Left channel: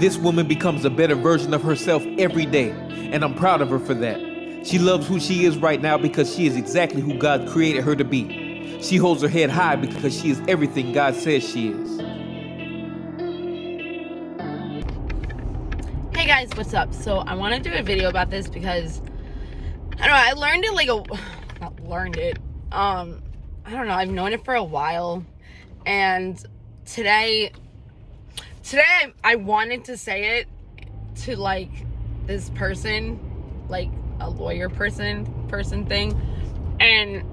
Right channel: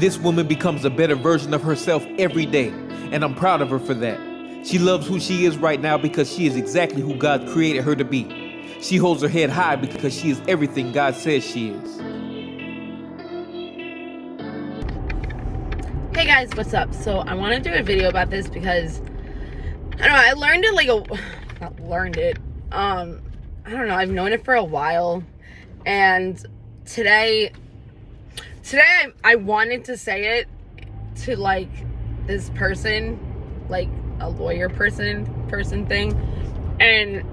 This woman becomes a better version of herself every day, and I'm proud of her for that. She loves who she is right now because she is exactly who God created her to be. She holds her head high because she is everything God says she is. Hey guys, what's up? So I want to do a video about this because I don't know, I learned it I don't know, I've known it for a while, and today I wanted to say it to like this person, like a lawyer person thing, and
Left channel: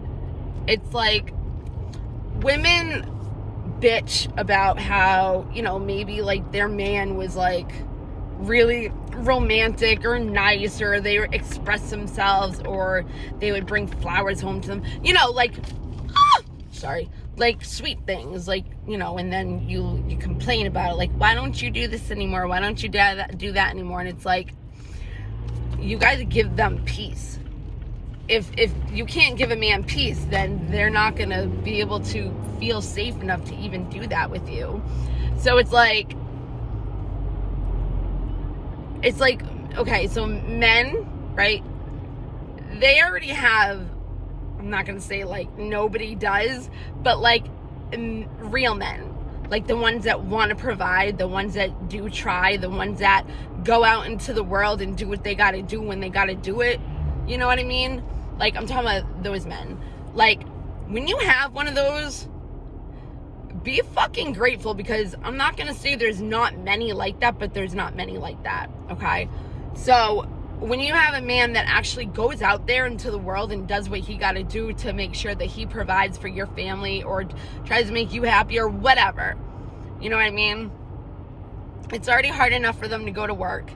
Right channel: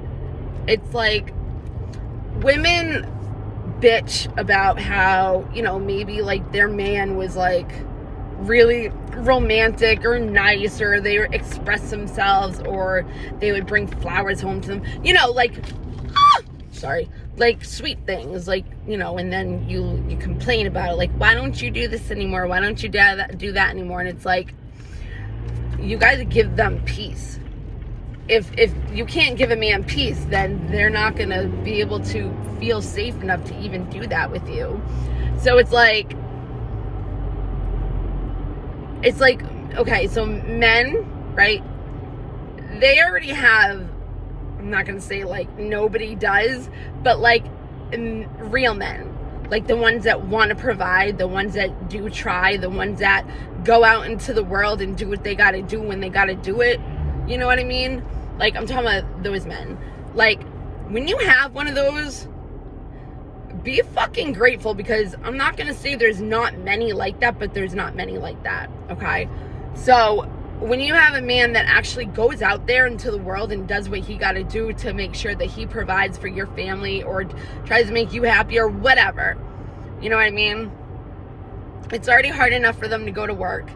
it's like women bitch about how, you know, maybe like their man was like really romantic or nice, or they would express themselves, or they would bring flowers home to them, you know, like like sweet things, like, you know, and then you complain about it, like, why don't you do this anymore, why don't you do that anymore? And it's like, you guys give them peace. If you can't give a man peace, then they're not gonna be able to feel safe enough to even do that with you. So it's like, okay, so men, right, they already have, I'm not gonna say like nobody does, but like real men, like the ones that want to provide, the ones that do try, the ones that go out into the world and do what they gotta do when they gotta do it, you know what I mean? Like, I'm talking about those men. Like, when you have one of those, be fucking grateful, because I'm not gonna say there's not many like that, but there's not many like that, okay? So when you have a man that actually goes out there into the world and does what he got to do to make sure that he provides for your family, or tries to make you happy, or whatever, you know what I mean? It's already hard enough for them to go to work,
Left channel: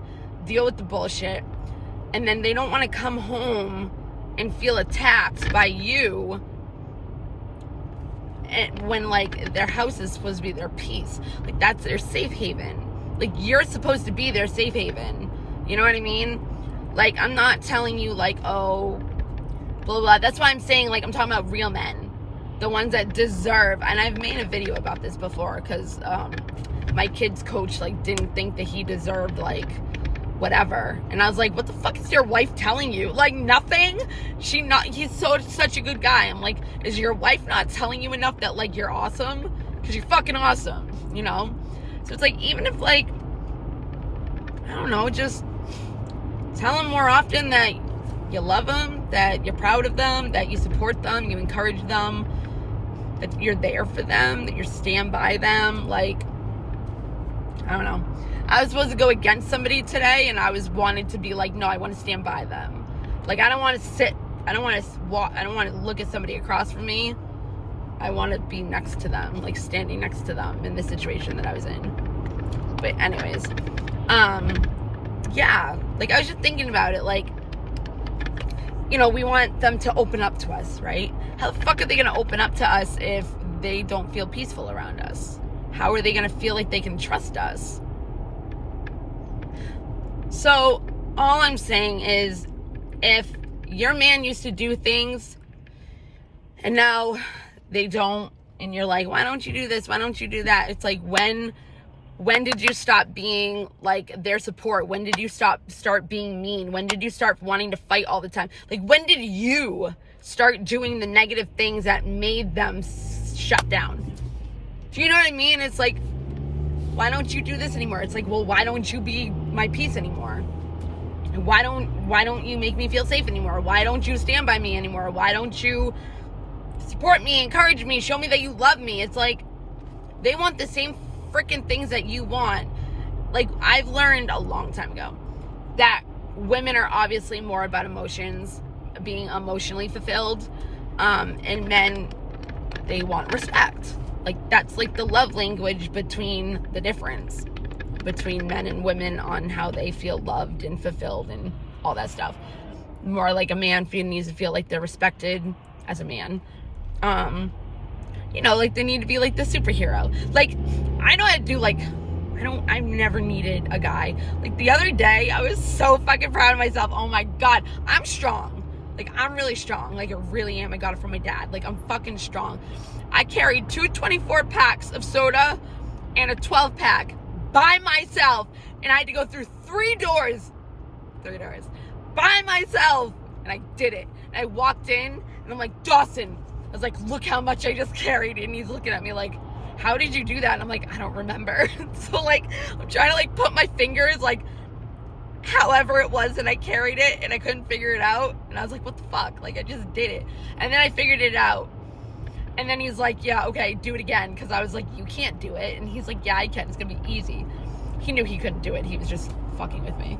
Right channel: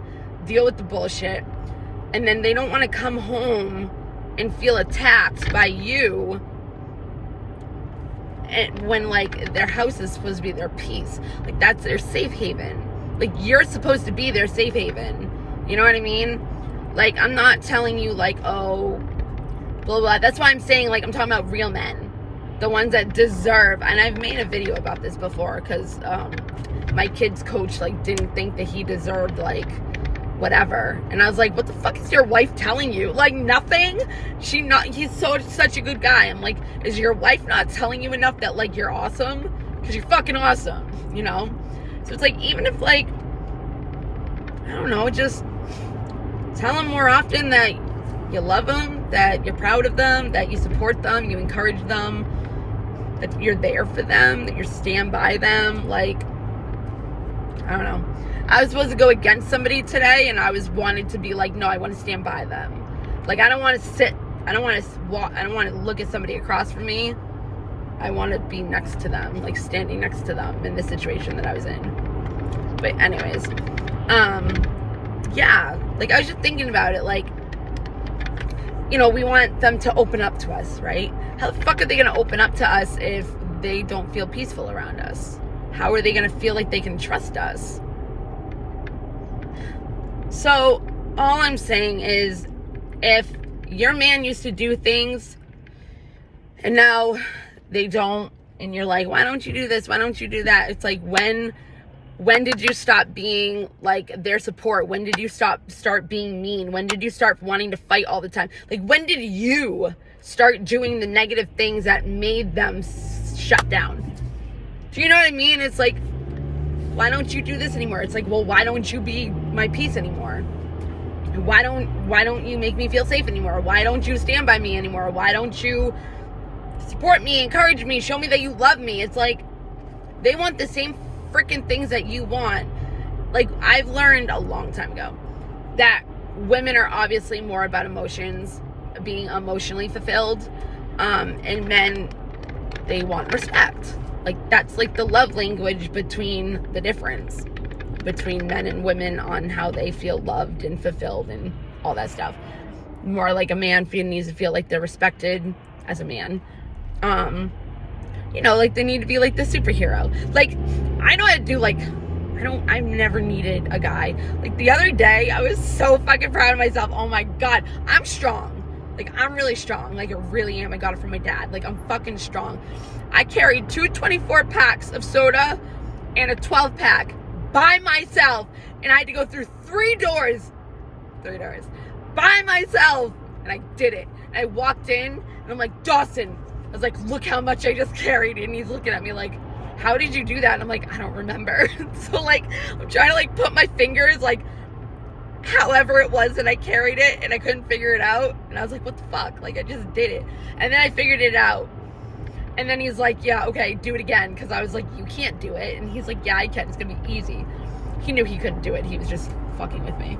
deal with the bullshit, and then they don't want to come home and feel attacked by you, and when like their house is supposed to be their peace, like that's their safe haven. Like, you're supposed to be their safe haven, you know what I mean? Like, I'm not telling you like, oh, blah, blah. That's why I'm saying, like, I'm talking about real men. The ones that deserve, and I've made a video about this before, because my kid's coach, like, didn't think that he deserved, like, whatever. And I was like, what the fuck is your wife telling you? Like, nothing? He's such a good guy. I'm like, is your wife not telling you enough that, like, you're awesome? Because you're fucking awesome, you know? So it's like, even if, like, I don't know, just tell them more often that you love them, that you're proud of them, that you support them, you encourage them, that you're there for them, that you stand by them. Like, I don't know. I was supposed to go against somebody today, and I was wanted to be like, no, I want to stand by them. Like, I don't want to sit, I don't want to walk, I don't want to look at somebody across from me. I want to be next to them, like standing next to them in the situation that I was in. But anyways, yeah, like, I was just thinking about it, like, you know, we want them to open up to us, right? How the fuck are they going to open up to us if they don't feel peaceful around us? How are they going to feel like they can trust us? So all I'm saying is, if your man used to do things and now they don't, and you're like, why don't you do this? Why don't you do that? It's like, when did you stop being like their support? When did you start being mean? When did you start wanting to fight all the time? Like, when did you start doing the negative things that made them shut down? Do you know what I mean? It's like, why don't you do this anymore? It's like, well, why don't you be my peace anymore? Why don't you make me feel safe anymore? Why don't you stand by me anymore? Why don't you support me, encourage me, show me that you love me? It's like, they want the same freaking things that you want. Like, I've learned a long time ago that women are obviously more about emotions, being emotionally fulfilled, and men, they want respect. Like, that's like the love language between the difference between men and women on how they feel loved and fulfilled and all that stuff. More like a man needs to feel like they're respected as a man. You know, like, they need to be like the superhero. Like, I know how to do, like, I've never needed a guy. Like, the other day, I was so fucking proud of myself. Oh my God, I'm strong. Like, I'm really strong. Like, I really am. I got it from my dad. Like, I'm fucking strong. I carried 2 24 packs of soda and a 12 pack by myself. And I had to go through 3 doors by myself. And I did it. And I walked in and I'm like, Dawson, I was like, look how much I just carried. And he's looking at me like, how did you do that? And I'm like, I don't remember. So like, I'm trying to like put my fingers like however it was that I carried it, and I couldn't figure it out. And I was like, what the fuck? Like, I just did it. And then I figured it out. And then he's like, yeah, okay, do it again. Because I was like, you can't do it. And he's like, yeah, I can. It's going to be easy. He knew he couldn't do it. He was just fucking with me.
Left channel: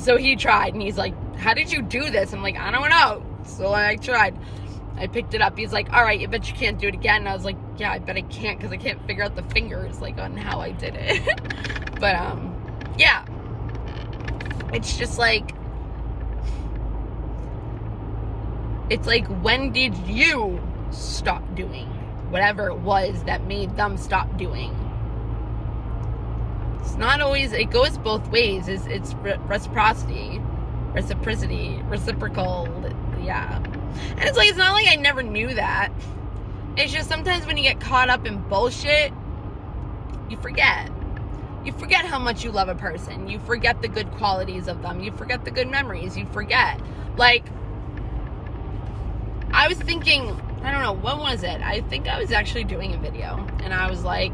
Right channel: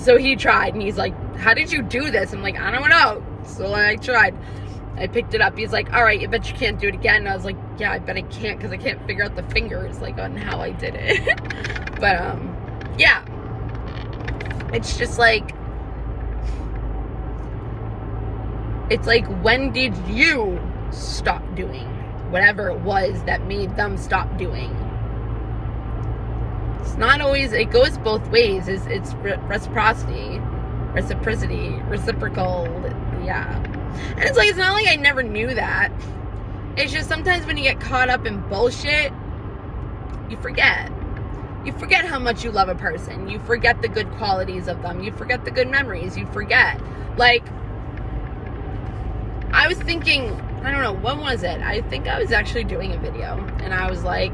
So he tried. And he's like, how did you do this? I'm like, I don't know. So I tried. I picked it up. He's like, all right, I bet you can't do it again. And I was like, yeah, I bet I can't, because I can't figure out the fingers, like, on how I did it. But, yeah. It's just like, it's like, when did you stop doing whatever it was that made them stop doing? It's not always, it goes both ways. It's reciprocity, reciprocal, yeah. And it's like, it's not like I never knew that. It's just sometimes when you get caught up in bullshit, you forget. You forget how much you love a person. You forget the good qualities of them. You forget the good memories. You forget. Like, I was thinking, I don't know, when was it? I think I was actually doing a video. And I was like,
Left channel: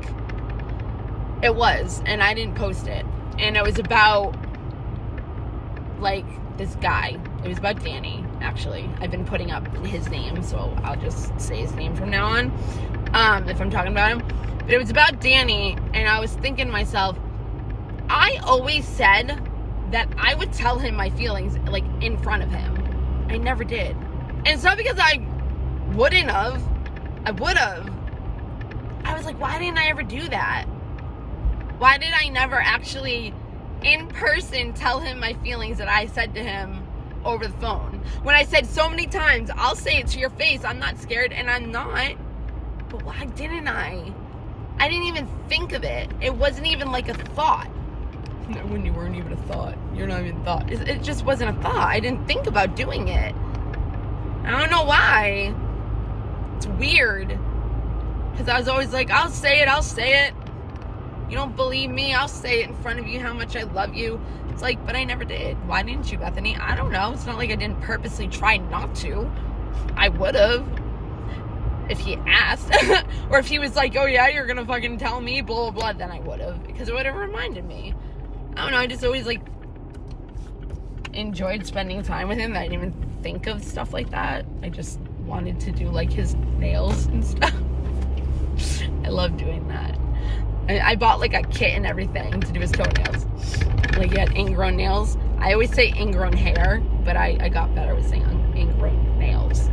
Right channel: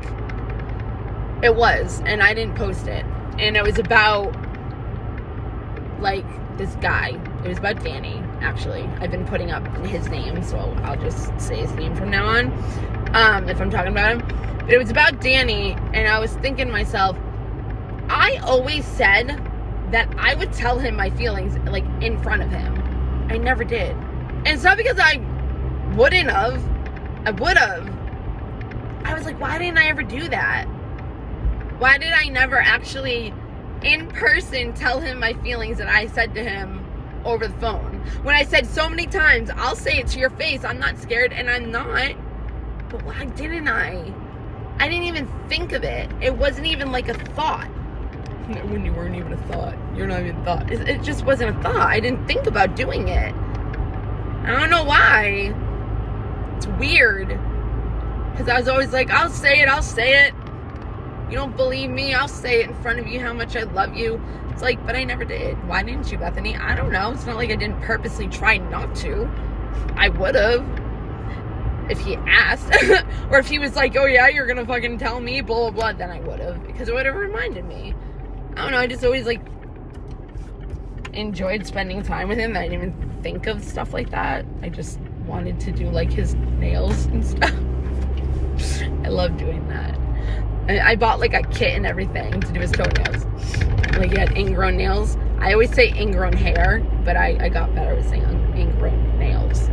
it was. And I didn't post it. And it was about, like, this guy. It was about Danny, actually. I've been putting up his name, so I'll just say his name from now on, if I'm talking about him. But it was about Danny, and I was thinking to myself, I always said that I would tell him my feelings, like, in front of him. I never did. And it's not because I wouldn't have. I would have. I was like, why didn't I ever do that? Why did I never actually in person tell him my feelings that I said to him over the phone? When I said so many times, I'll say it to your face, I'm not scared, and I'm not. But why didn't I? I didn't even think of it. It wasn't even like a thought. When you weren't even a thought. You're not even a thought. It just wasn't a thought. I didn't think about doing it. I don't know why. It's weird. Because I was always like, I'll say it. You don't believe me? I'll say it in front of you how much I love you. It's like, but I never did. Why didn't you, Bethany? I don't know. It's not like I didn't purposely try not to. I would have. If he asked. Or if he was like, oh yeah, you're gonna fucking tell me, blah, blah, blah, then I would have. Because it would have reminded me. I don't know. I just always, like, enjoyed spending time with him. I didn't even think of stuff like that. I just wanted to do, like, his nails and stuff. I love doing that. I bought like a kit and everything to do his toenails. Like, he had ingrown nails. I always say ingrown hair, but I got better with saying ingrown nails.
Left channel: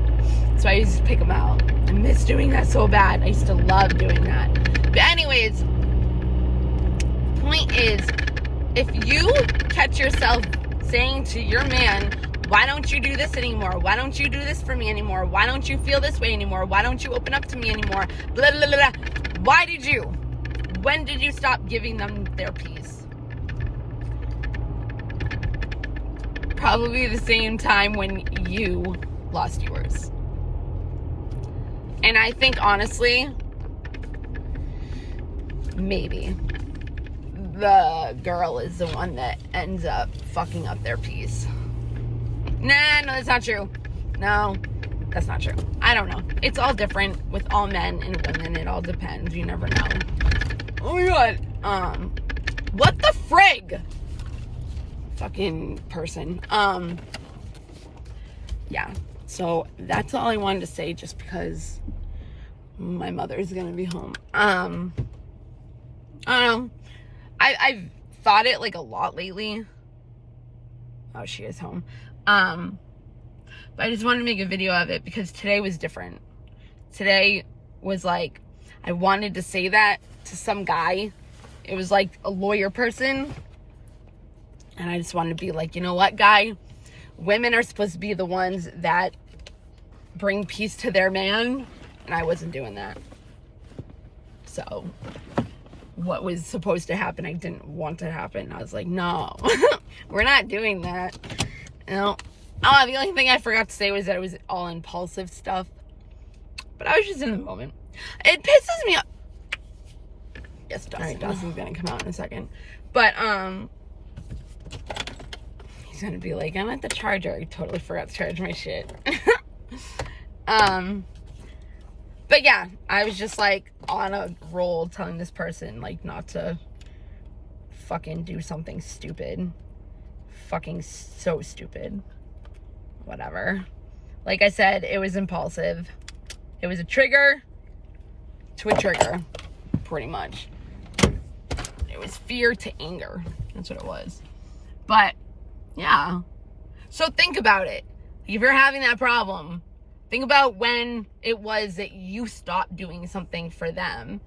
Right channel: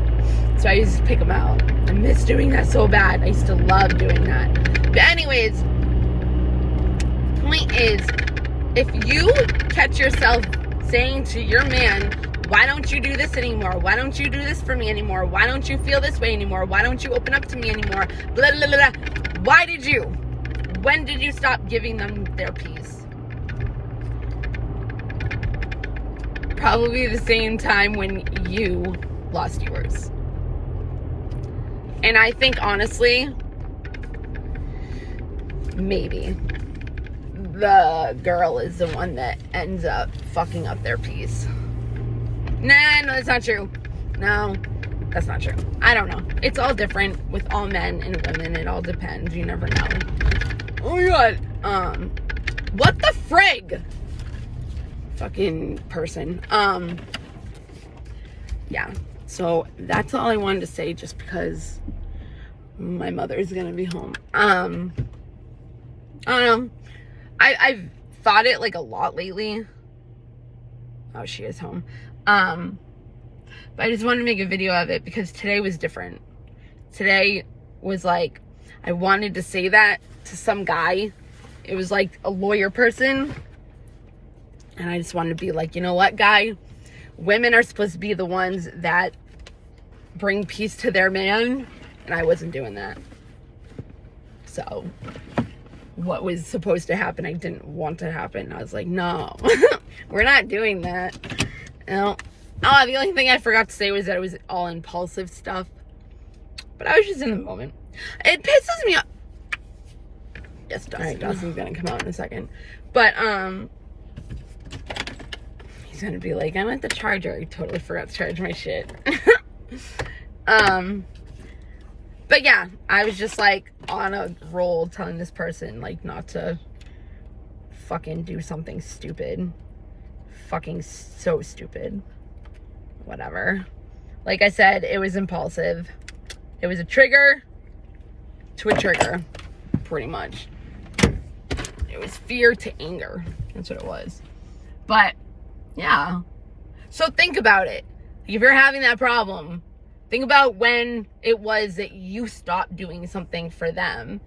So I used to pick them out. I miss doing that so bad. I used to love doing that. But anyways, point is, if you catch yourself saying to your man, why don't you do this anymore? Why don't you do this for me anymore? Why don't you feel this way anymore? Why don't you open up to me anymore? Blah, blah, blah, blah. Why did you? When did you stop giving them their peace? Probably the same time when you lost yours. And I think, honestly, maybe the girl is the one that ends up fucking up their peace. Nah, no, that's not true. No, that's not true. I don't know. It's all different with all men and women. It all depends. You never know. Oh my god. What the frig? Fucking person. Yeah. So that's all I wanted to say, just because my mother's gonna be home. I don't know. I've thought it like a lot lately. Oh, she is home. But I just wanted to make a video of it because today was different. Today was like, I wanted to say that to some guy. It was like a lawyer person. And I just wanted to be like, you know what, guy? Women are supposed to be the ones that bring peace to their man. And I wasn't doing that. So what was supposed to happen, I didn't want to happen. I was like, no, we're not doing that. No. Oh, the only thing I forgot to say was that it was all impulsive stuff. But I was just in the moment. It pisses me off. Yes, Dawson's gonna come out in a second. But, he's gonna be like, I'm at the charger. I totally forgot to charge my shit. But yeah, I was just like on a roll telling this person like not to fucking do something stupid. Fucking so stupid. Whatever. Like I said, it was impulsive. It was a trigger to a trigger, pretty much. It was fear to anger. That's what it was. But yeah. So think about it. If you're having that problem, think about when it was that you stopped doing something for them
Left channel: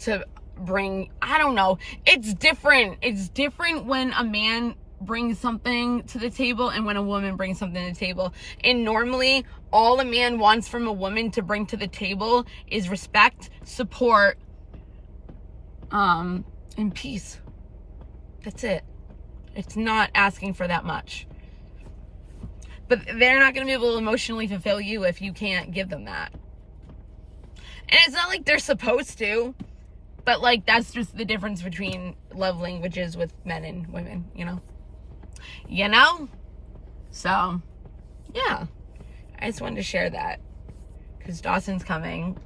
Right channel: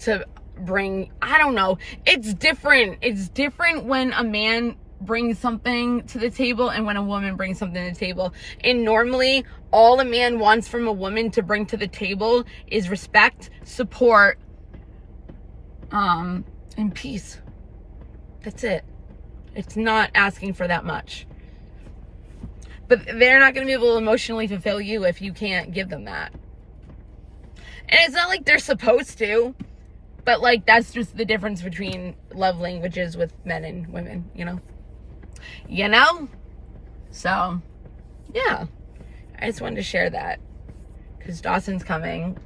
to bring, I don't know. It's different. It's different when a man brings something to the table and when a woman brings something to the table. And normally, all a man wants from a woman to bring to the table is respect, support, and peace. That's it. It's not asking for that much. But they're not going to be able to emotionally fulfill you if you can't give them that. And it's not like they're supposed to, but like that's just the difference between love languages with men and women, you know? You know? So, yeah. I just wanted to share that because Dawson's coming.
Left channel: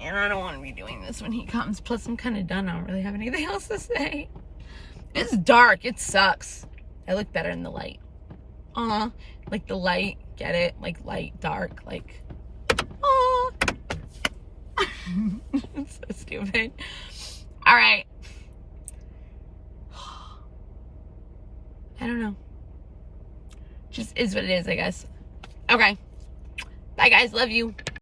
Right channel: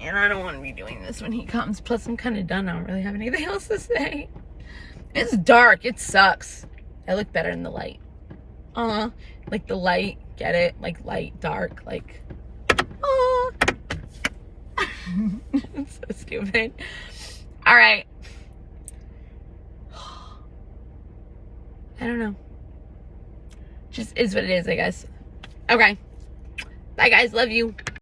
And I don't want to be doing this when he comes. Plus, I'm kind of done. I don't really have anything else to say. It's dark. It sucks. I look better in the light. Like the light. Get it? Like light, dark. Like, It's so stupid. All right. I don't know. Just is what it is, I guess. Okay. Bye, guys. Love you.